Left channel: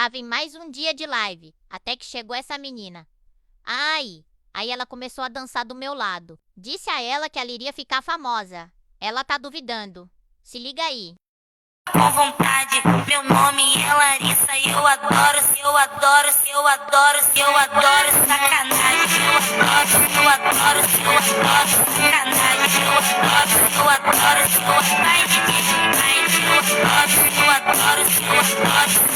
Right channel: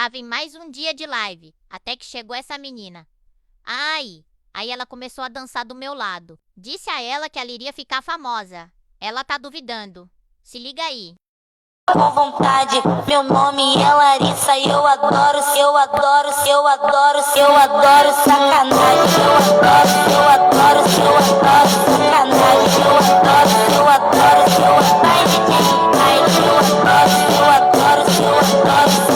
tava em mais um dia de live, até que chegou essa menina. Ai! Aí ela começou a dançar do meu lado. Disse a ela que ela iria ficar famosa. Ela tá duvidando. Se liga aí. Com vontade, meu nome é Larissa e eu adoro sacanagem. Eu adoro sacanagem. Eu adoro vai, eu adoro